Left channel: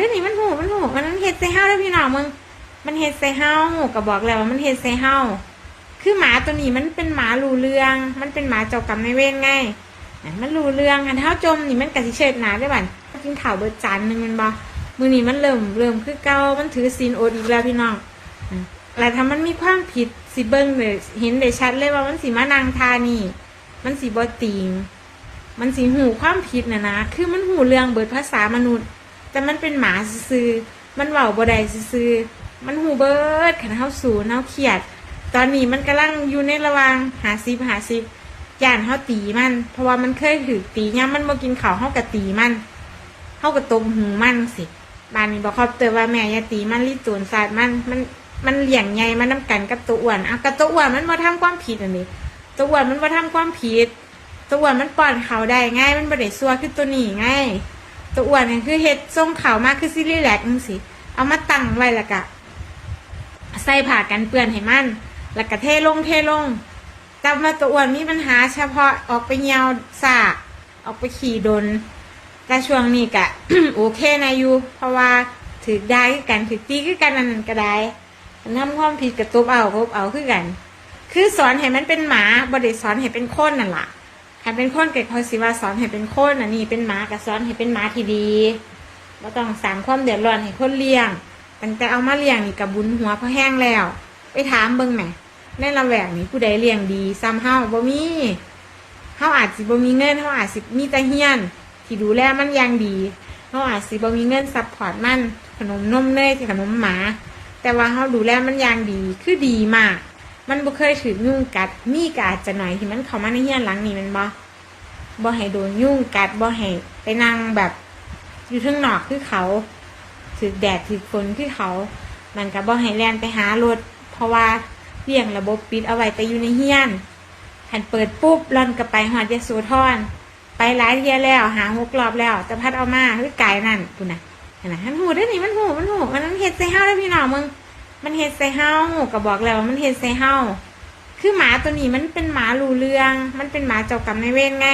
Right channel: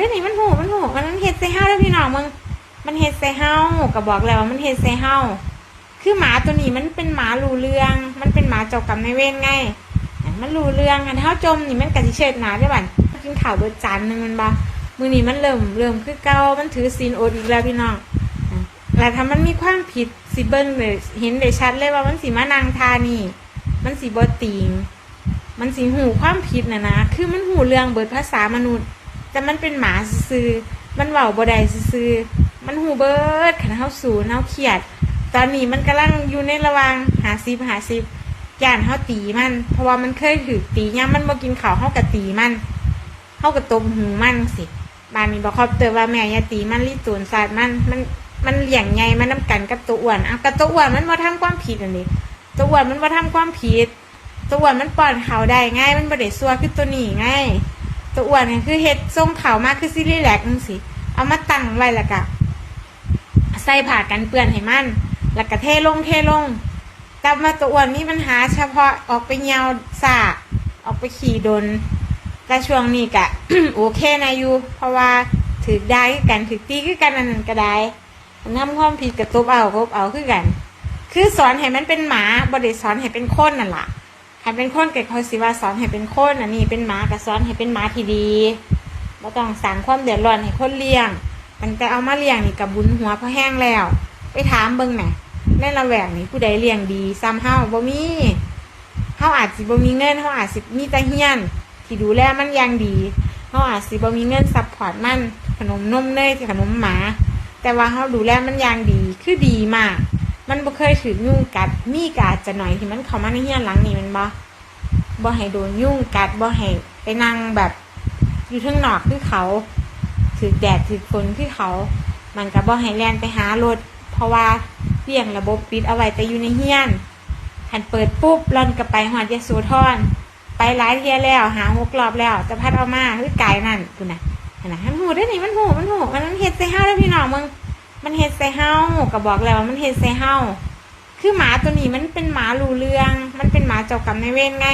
ได้นี่มันหูมันเฮ็ดใส่เฮาได้พี่น้องมึงมันเฮ็ดใส่เฮาก็บอกแล้วว่ามันเฮ็ดใส่เฮาคือหมาตัวนี้มันเป็นหมารู้เรื่องมันเป็นหมาเจ้ากรรมนายเวรไงมันรู้เรื่องคันเฮาจมนี่มันก็สิเชิดหน้าได้บัดกินข้าวเบิดจานนึงมันบ่มื้อนี้มันเริ่มคือเก่ามันถือศีลอดอีกแล้วพี่น้องแล้วถ้ามันมีความผิดสิเบิ่งเลยเห็นได้ชัดเลยว่ามันสิมานั่งทานี่มันสิบ่ติงมันสิหูความผิดนะคือมันหูเรื่องเบิดภาษามนุษย์แต่มันเป็นหมาซื่อมันเว้าบ่ได้ซื่อมันหูเบิดคันเฮาสูนเฮาเครียดตอนนี้มันกำลังอยู่ในระหว่าง50ย่านเฮาตีมันเพราะว่ามันเคยถูกตียามมันบ่กินข้าวเฮาก็ตีมันเฮาก็ตบหูมันสิบ้านนี้บ่ครอบเตือนว่าแม่อย่าตีมันลิตูนศาสตร์มันเลี้ยงใหญ่มันนำกันกับตัวอ้วนกับตัวอ้วนมันบ่ทำความผิดอันนี้ตัวอ้วนมันบ่ทำความผิดตัวอ้วนมันป้อนข้าวได้ง่ายมันบ่ได้ซัวคือตัวนี้ง่ายตัวอ้วนนี่คือเฮ็ดส่งข้าวมาคือสิรีแลกซ์จังซี่เอามาตั้งไว้แล้วก็ใส่ผ้ากันเปื้อนให้มันแล้วก็เทลงแต่มาตัวอ้วนมีปัญหาเฉพาะออกไปเหี่ยวซากออกไปขี่ดนแต่ช่วงนี้ก็ โอเคนะอยู่เพราะว่าถือได้คือกันถือตีคือกันอันนั้นก็ได้นำความผิดกับตบเอาคือกันคือสอนให้มันเป็นหมาบ่ได้สอนให้เป็นคนนั่นล่ะถ้าเป็นคนเกิดเขาสิว่าสอนให้เป็นคนอันนี้เป็นหมาก็สอนให้เป็นหมาที่ดีบ่ต้องสร้างความเดือดร้อนให้คนเลี้ยงมันแต่เอามาเลี้ยงนี่ก็บุญหัวพอแห้งแล้วไปถามเบิ่งน่ะในละแวกนี้ผู้ใดเลี้ยงดีซ้ำเฮาบ่มีเฮาอาจสิบ่มีเงินเฮาอาจสิมีแต่เฮียนที่ดูแลมันอย่างดีเฮาอาจสิบ่มีเงินซัพพอร์ตมันขนมนมเนยขนมหมาแต่ว่าเฮาดูแลมันอย่างดีคือดีมากมันบ่เคยถูกยุงกัดมีก็อาจจะหน่อยที่มันเข้ามาในเฮียนหลังนี้แม่นบ่ให้โดนยุงกัดบ่ให้ไปนั่งแบบอยู่ข้างนอกคือเขาถูกแดดถูกฝนคือเขามันก็บ่ให้แล่นไปหารถเพราะว่าเรื่องระบบปิดเอาไว้แต่อยู่ในเฮียนหันเปิดปุ๊บร่อนก็ไปฮอดยโสธรไปหลายเที่ยแล้วหา6 รอบแล้วแต่พัดเอามาคือไกลนั่นพุ่นน่ะเห็นน่ะมันหูได้นี่มันหูมันเฮ็ดใส่เฮาได้พี่น้องมึงมันเฮ็ดใส่เฮาก็บอกแล้วว่ามันเฮ็ดใส่เฮาคือหมาตัวนี้มันเป็นหมารู้เรื่องมันเป็นหมาเจ้ากรรมนายเวรไง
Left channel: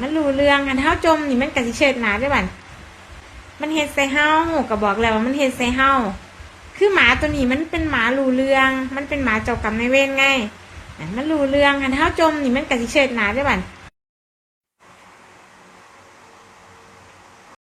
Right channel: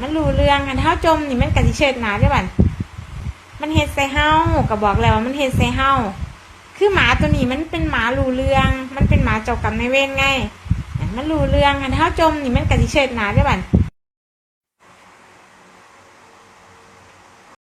มันรู้เรื่องคันเฮาจมนี่มันก็สิเชิดหน้าได้บัดมันเฮ็ดใส่เฮาก็บอกแล้วว่ามันเฮ็ดใส่เฮาคือหมาตัวนี้มันเป็นหมารู้เรื่องมันเป็นหมาเจ้ากรรมนายเวรไงมันรู้เรื่องคันเฮาจมนี่มันก็สิเชิดหน้าได้บัด